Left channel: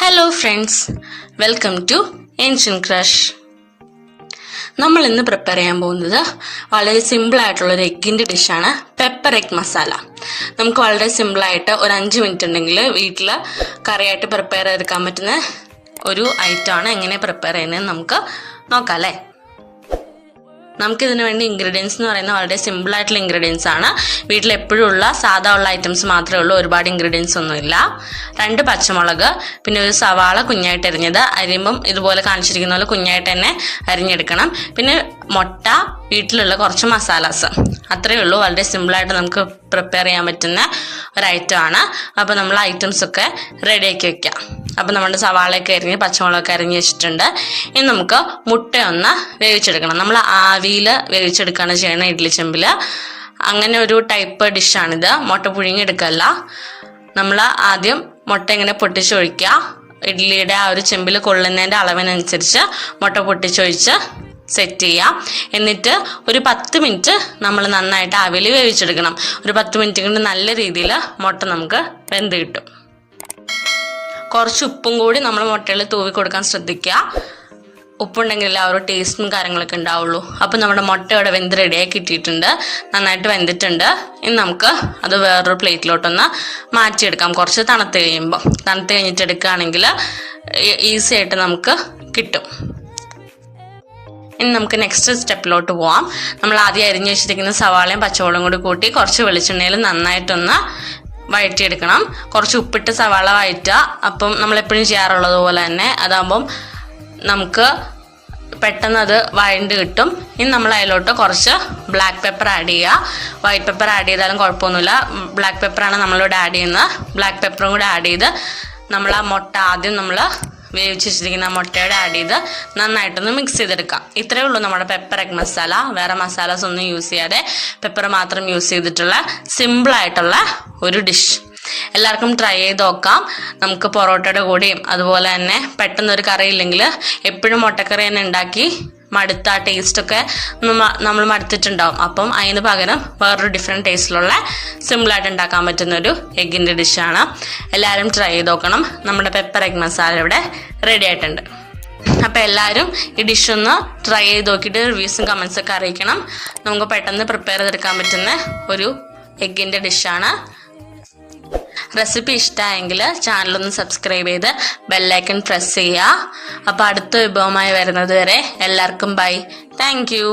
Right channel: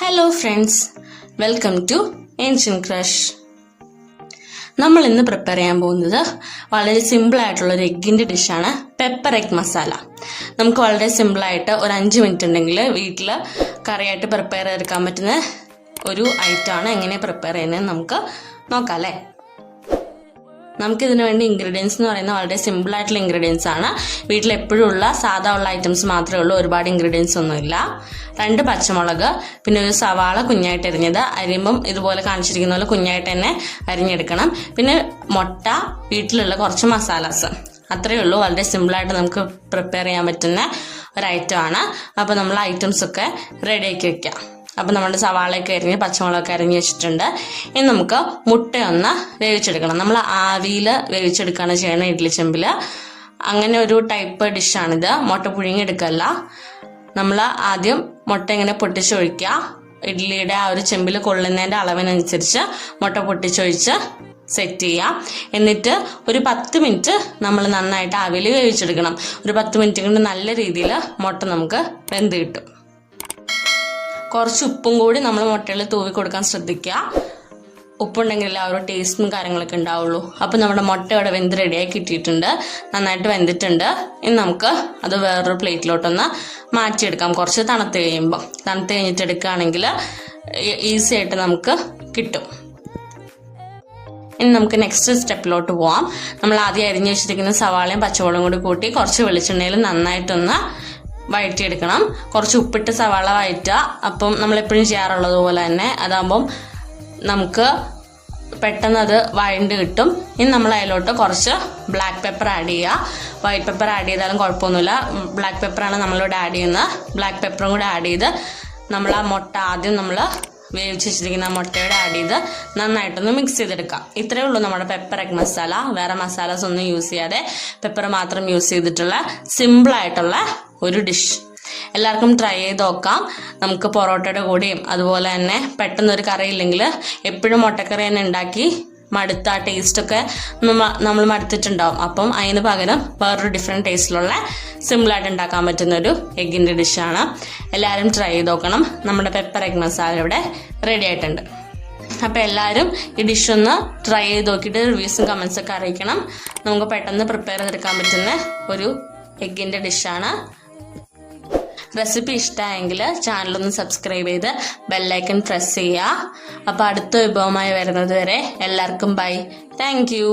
Hello friends, welcome to ancient crush. നമ്മൾ ഇന്ന് prepare ചെയ്യാൻ പോകുന്നത് വളരെ സിമ്പിളായിട്ടുള്ളൊരു എഗ്ഗിൻ്റെ ഡിഷാണ് പെപ്പർ എഗ് മസാല. നമുക്ക് വളരെ സിമ്പിളായിട്ട് ഒരു 5 മിനിറ്റ് ഉണ്ടെങ്കിൽ വീട്ടിൽ കറിയായിട്ട് പ്രിപ്പയർ ചെയ്തെടുക്കാൻ പറ്റുന്ന ഒരു ഐറ്റമാണ്. എങ്ങനെ പ്രിപ്പയർ ചെയ്യുന്നത് നമുക്ക് നോക്കാം അല്ലേ. നമുക്കിതിന് വേണ്ടി ഇൻഗ്രീഡിയൻസ് എന്ന് പറയുന്നത് വളരെ സിമ്പിളായിട്ടുള്ള ഇൻഗ്രീഡിയൻസ് ആണ്. വീട്ടിൽ എപ്പോഴും ഉള്ള സാധാ ഉള്ള ഐറ്റംസ് മാത്രമേ ഉള്ളൂ, ഒരുപാട് ഇൻഗ്രീഡിയൻസ് ഒന്നുമില്ല. 2 പച്ചമുളക്, പിന്നെ ഒരു സവാള കുഞ്ഞായിട്ട് അരിഞ്ഞത്, അരിയുമ്പം ഇതുപോലെ കാണിച്ചിരിക്കുന്ന പോലെ കുഞ്ഞായിട്ട് തന്നെ അരിഞ്ഞെടുക്കണം. പിന്നെ മുട്ട, വീട്ടിലുള്ള കുറച്ച് മസാലാസ്, അത്രയേ ഉള്ളൂ. വളരെ സിമ്പിളായിട്ട് നമുക്ക് പ്രിപ്പയർ ചെയ്യാൻ പറ്റുന്ന ഒരു ഐറ്റം ആണ്. അപ്പോൾ നമ്മൾ ഐറ്റംസൊക്കെ റെഡിയാക്കി വെക്കാം. അപ്പോൾ നമ്മുടെ സവാളയൊക്കെ അരിഞ്ഞ് പച്ചമുളകൊക്കെ അരിഞ്ഞ് വെച്ചിട്ടുണ്ട്. ഇനി നമുക്ക് മുട്ടയൊന്ന് വേവിച്ചെടുക്കണം. നമ്മൾ ആവിയിൽ വേവിച്ചെടുക്കുകയാണ് ചെയ്യുന്നത് ഇഡ്ഡലി ചെമ്പിൽ. അങ്ങനെ ഒരു ടൈപ്പ് ഡിഷാണിത്. മുട്ട പുഴുങ്ങിയെടുക്കല്ല, നമ്മൾ ആദ്യം മുട്ട ഇങ്ങനെ പൊട്ടിച്ചൊഴിക്കുക. ഇഡ്ഡലിയുടെ ആ ഒരു ചെമ്പിൽ കൊള്ളുന്നതിൻ്റെ അളവിനനുസരിച്ച് മുട്ട പൊട്ടിച്ചൊഴിച്ച് സെറ്റ് ചെയ്യാം. എന്നിട്ട് ഒരു 10 മിനിറ്റ് നമ്മൾ നന്നായിട്ട് ആവിയിൽ വേവിച്ചെടുക്കണം. ഒരു 10 മിനിറ്റ് കൊണ്ട് നല്ല രീതിയിൽ മുട്ട നമുക്ക് വെന്ത് കിട്ടും. കുറച്ച് ഉപ്പും കൂടി നമ്മൾ മുട്ടയിൽ തൂവി കൊടുക്കാൻ ശ്രദ്ധിക്കുക. ഉപ്പുണ്ടെങ്കിൽ ആ ഒരു ടേസ്റ്റും കാര്യങ്ങളൊക്കെ ഉണ്ടാവുള്ളൂ. അപ്പോൾ നമ്മുടെ മുട്ട ഇവിടെ വെന്ത് റെഡിയാക്കി ഇട്ടിട്ടുണ്ട്, നന്നായിട്ട് വെന്തിട്ടുണ്ട്. ഇനി നമുക്ക് അത് വേറൊരു പ്ലേറ്റിലോട്ടൊന്ന് മാറ്റിയെടുക്കാം. കുറച്ച് തണുത്ത് കഴിഞ്ഞിട്ട് എടുക്കുകയാണെങ്കിൽ ഈസി ആയിട്ട് നമുക്ക് കിട്ടും. ഇനി നമുക്ക് നെക്സ്റ്റ് സ്റ്റെപ്പിലോട്ട് പോവാം. നമ്മൾ ആദ്യം അരിഞ്ഞു വെച്ചിരിക്കുന്ന സവാളയും പച്ചമുളകും കൂടി കൂട്ടി കുറച്ച് വെളിച്ചെണ്ണയിൽ നന്നായിട്ടൊന്ന് വഴറ്റിയെടുക്കണം. കുറച്ച് ഉപ്പിട്ട് സവാള വഴറ്റുക. അപ്പം നമ്മളെപ്പോഴും ചെയ്യാറുള്ളത് പോലെ തന്നെ അതാകുമ്പം നമുക്ക് പെട്ടെന്ന് അത് വഴണ്ട് കിട്ടും. ഇനി നമ്മൾ അതിലോട്ട് കുറച്ച് ബ്ലാക്ക് പെപ്പർ ആഡ് ചെയ്യുക. വൈറ്റ് പെപ്പർ ആഡ് ചെയ്താലും കുഴപ്പമൊന്നുമില്ല, ബ്ലാക്ക് പെപ്പറാണ് നമ്മളിവിടെ ആഡ് ചെയ്യുന്നത്. ബ്ലാക്ക് പെപ്പറും കൂടെ ആഡ് ചെയ്ത് നമ്മൾ ആ മുട്ട ആദ്യം നമ്മൾ വേവിച്ച് വെച്ചിരിക്കുന്ന മുട്ടയോടെ ആഡ് ചെയ്ത് നന്നായിട്ടൊന്ന് മിക്സ് ചെയ്തെടുക്കാം. ഇത്രയേ ഉള്ളൂ നമ്മുടെ പെപ്പർ എഗ് മസാല. വേറെ മസാലാസ് ഒന്നും യൂസ് ചെയ്യാതെ പെപ്പർ മാത്രം യൂസ് ചെയ്തിട്ടുള്ള സിമ്പിളായിട്ടുള്ള ഒരു ഡിഷ്. എല്ലാവർക്കും ട്രൈ ചെയ്ത് നോക്കാം. നമുക്ക് പൊറോട്ടയുടെ കൂടെയും അതുപോലെ തന്നെ പെട്ടെന്നൊരു കറി ഇല്ലെങ്കിൽ എപ്പോഴും മുട്ടക്കറി തന്നെ ഉണ്ടാക്കി മടുത്ത ആ ടേസ്റ്റൊക്കെ നമ്മൾ മടുത്തിട്ടുണ്ടാവും. അപ്പം അതിന് പകരം വേറൊരു ഡിഫറെൻറ്റ് ടേസ്റ്റിലുള്ള സിമ്പിളായിട്ട് ഉണ്ടാക്കാൻ പറ്റുന്നൊരു എഗ്ഗിൻ്റെ ഡിഷാണ്. എല്ലാവരും ട്രൈ ചെയ്ത് നോക്കണം. നമ്മുടെ പെപ്പർ എഗ് മസാല ഇവിടെ റെഡി ആയിട്ടുണ്ട്. അപ്പോൾ എല്ലാവരും ഈ ഡിഷൊന്ന് ട്രൈ ചെയ്ത് നോക്കിയിട്ട് റിവ്യൂസും കമൻസൊക്കെ അറിയിക്കണം. നമുക്ക് പെട്ടെന്ന് പ്രിപ്പയർ ചെയ്തെടുക്കാൻ പറ്റുന്ന ഒരു എഗ്ഗിൻ്റെ ഡിഷാണ്. റെസിപ്പി ഇഷ്ടമായെങ്കിൽ ചാനലൊന്ന് സബ്സ്ക്രൈബ് ചെയ്ത് ബെല്ലൈക്കൺ പ്രസ് ചെയ്യുക. അപ്പോൾ അടുത്ത വിഭവമായി വരുന്നത് വരെ എല്ലാവർക്കും ബൈ. Thank you.